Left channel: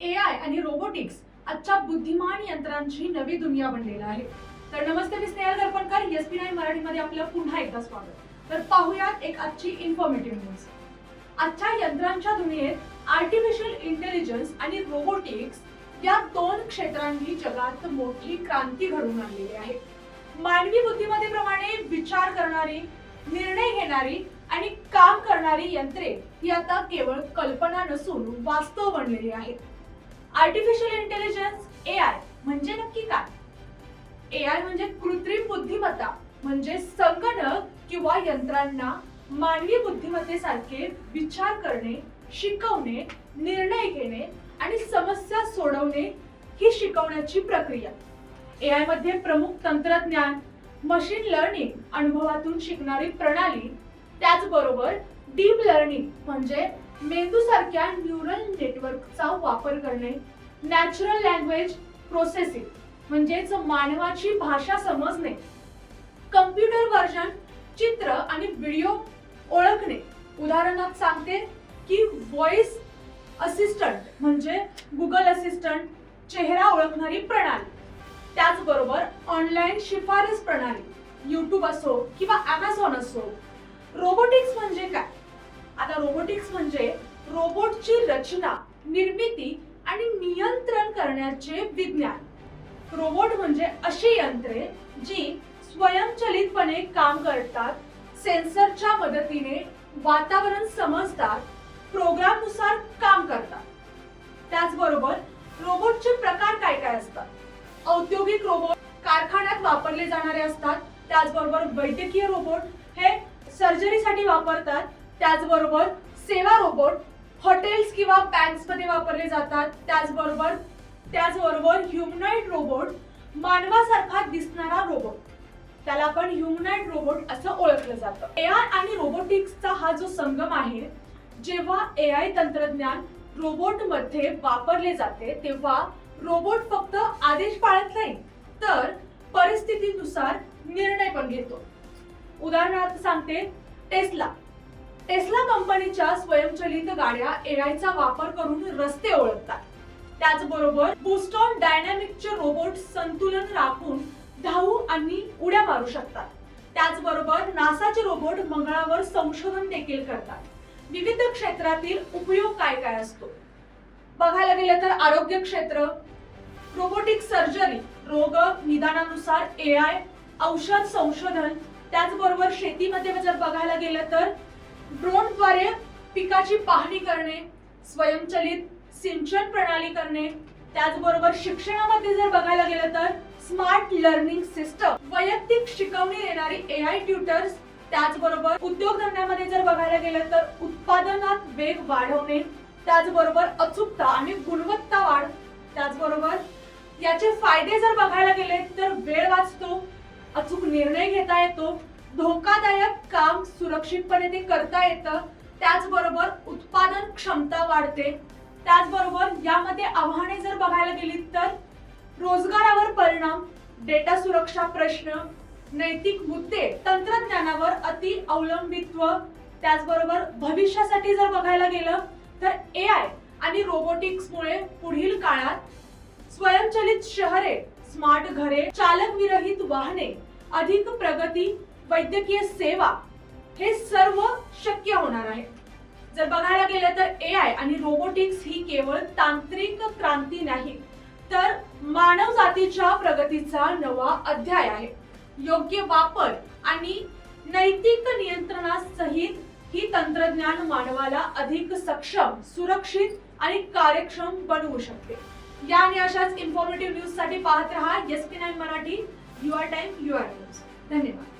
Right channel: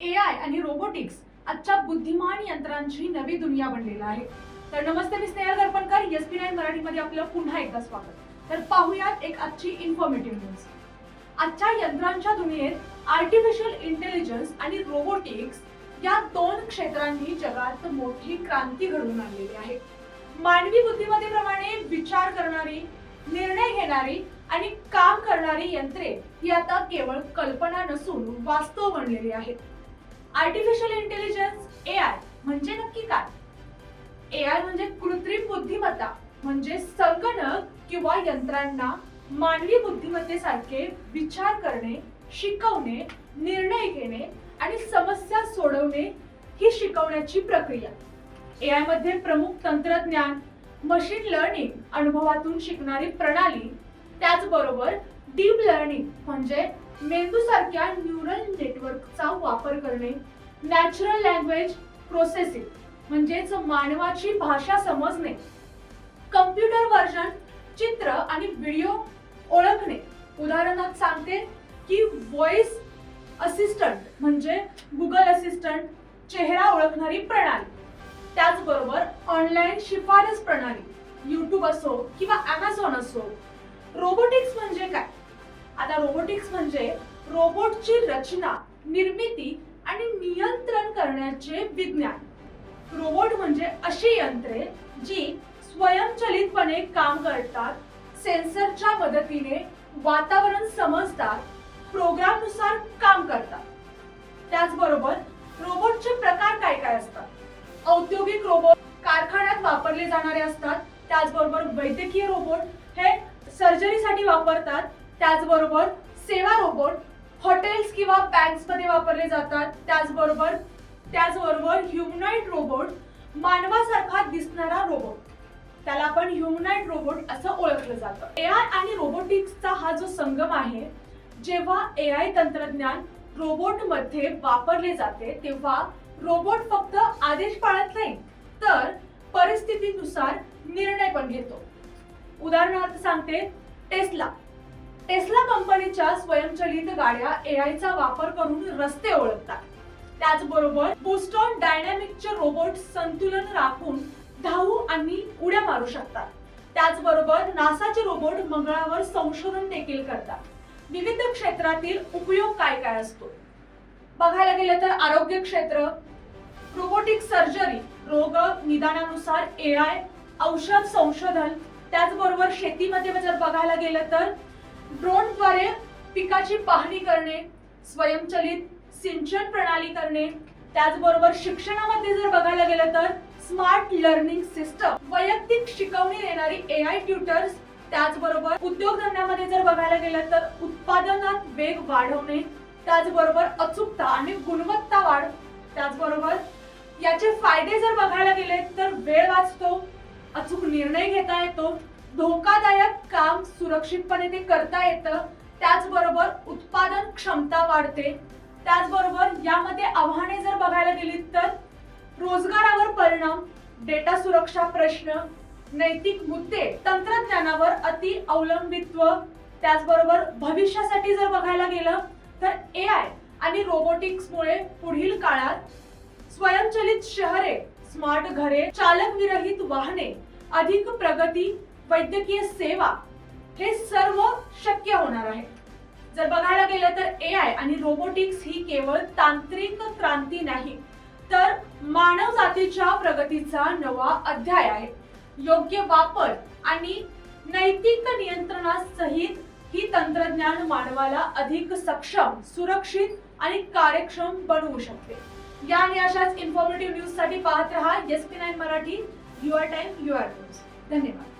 AI आणि robotics आजच्या बुद्धिमान यंत्रांची नवी दुनिया बनलेला आहे. तर नमस्ते, मी स्नेहल दर्पणकर, SP9 मराठीमध्ये आपलं पुन्हा एकदा स्वागत. तर पाहूयात एक आजची इन्फॉर्मेटिव्ह न्यूज. आजच्या यंत्रांच्या दुनियेत आर्टिफिशियल इंटेलिजन्स आणि रोबोटिक्स या दोन क्षेत्रांनी जगात मोठी क्रांती घडवून आणलेली आहे. मानवी बुद्धिमत्तेप्रमाणे विचार करणारी, निर्णय घेणारी आणि काम करणारी यंत्रे ही आता केवळ कल्पना नसून वास्तव बनलेली आहेत. आर्टिफिशियल इंटेलिजन्स AI म्हणजे नक्की काय? AI म्हणजे कृत्रिम बुद्धिमत्ता, म्हणजे संगणक किंवा यंत्रांना मानवी बुद्धिमत्तेसारखे विचार करणे, शिकवणे, निर्णय घेणे आणि समस्या सोडवणे ही शिकवण्याची प्रक्रिया. AI मध्ये प्रमुख तंत्रज्ञान, मशीन लर्निंग, अनुभवातून शिकणारी प्रणाली, त्याचबरोबर डीप लर्निंग म्हणजे मेंदूसारख्या न्यूरल नेटवर्कचा वापर करणे, नॅचरल लँग्वेज प्रोसेसिंग म्हणजेच मानवाची भाषा समजणे, कम्प्युटर व्हर्जन चित्र आणि व्हिडिओ ओळखणे. उदाहरणार्थ सांगते की व्हॉइस असिस्टंट म्हणजे गुगल असिस्टंट, चेहरा ओळखणारी प्रणाली. त्याचबरोबर ऑनलाईन शिफारस प्रणाली, YouTube असो किंवा Amazon असो. रोबोटिक्स म्हणजे काय? आता रोबोटिक्स म्हणजे रोबोटची रचना, निर्मिती आणि नियंत्रण करण्याचे विज्ञान. रोबोट म्हणजे अशी यंत्रे जी स्वयंचलितपणे काम करतात, सेन्सरच्या मदतीने वातावरण समजतात, प्रोग्रामनुसार काम करतात. त्याचबरोबर रोबोटचे प्रकार काय काय असतात? औद्योगिक रोबोट कारखान्यात वापरले जाणारे असतात. त्याचबरोबर वैद्यकीय रोबोट हे सर्जरीसाठी वापरतात. त्याचबरोबर सेवा रोबोट हॉटेल्स किंवा बँक्स मध्ये वापरले जातात. त्याचबरोबर ह्युमनॉइड रोबोट मानवासारखा दिसणारा रोबोट, त्याला आपण ह्युमनॉइड रोबोट असं ओळखलं जातं. AI आणि रोबोटिक्सचा हा जो संगम आहे, जेव्हा AI तंत्रज्ञान रोबोट मध्ये वापरले जाते तेव्हा रोबोट फक्त आदेश पाळत नाही, तर परिस्थितीनुसार निर्णय पण घेतो. उदाहरणार्थ सांगते, टेस्ला कंपनीच्या स्वयंचलित गाड्या AI चा वापर करून रस्ते ओळखतात. त्याचबरोबर बोस्टन डायनॅमिक्सचे रोबोट संतुलन राखून धावू आणि उड्या मारू शकतात. त्याचबरोबर नासाचे रोबोट मंगळावर संशोधन देखील करतात. विविध क्षेत्रातील उपयोग काय काय असतो बघायला गेलं तर आरोग्य क्षेत्र, रोबोटिक सर्जरी, रोग निदानानुसार AI, औषध संशोधन. त्याचबरोबर शेतीमध्ये जर बघायला गेलं तर ड्रोनद्वारे पिकाची पाहणी करणे, स्वयंचलित सिंचन प्रणाली करणे. त्याचबरोबर शिक्षणामध्ये जर बघायला गेलं तर स्मार्ट लर्निंग सिस्टम, वैयक्तिक शिकवणी देणारी AI ट्युटर्स. त्याचबरोबर उद्योगधंद्यामध्ये जर बघायला गेलं तर उत्पादनात वेग वाढवणे, त्याचबरोबर अचूकता आणि गुणवत्ता वाढ. त्याचबरोबर याचे फायदे जर बघायला गेले तर वेळ वाचतो, अचूक निर्णय घेता येतो, धोकादायक काम सुरक्षितपणे ते करता येतं. त्याचबरोबर उत्पादन क्षमता वाढते. त्याचबरोबर यामध्ये आव्हाने जर बघायला गेली तर रोजगारावर परिणाम, डेटा सुरक्षा प्रश्न, नैतिक मुद्दे, तंत्रज्ञानावर अति अवलंबित्व. त्याचबरोबर भविष्यासाठी जर बघायला गेलं तर AI आणि रोबोटिक्समुळे पुढील काळात स्वयंचलित शहरे, स्मार्ट घरे, चालक विरहित वाहने, अधिक प्रगती, वैद्यकीय सेवा हे सर्व शक्य होणार आहे. जर बघायला गेलं तर AI आणि रोबोटिक्स ही केवळ तांत्रिक क्रांती नाही, तर मानव जातीच्या प्रगतीचा नवा अध्याय आहे. योग्य वापर आणि नैतिक नियंत्रणासहित ही तंत्रज्ञान मानवाला अधिक सक्षम, सुरक्षित आणि कार्यक्षम बनवू शकते. या आणि अशाच इन्फॉर्मेटिव्ह न्यूज साठी पाहत रहा SP9 Marathi. Your time, your news. धन्यवाद.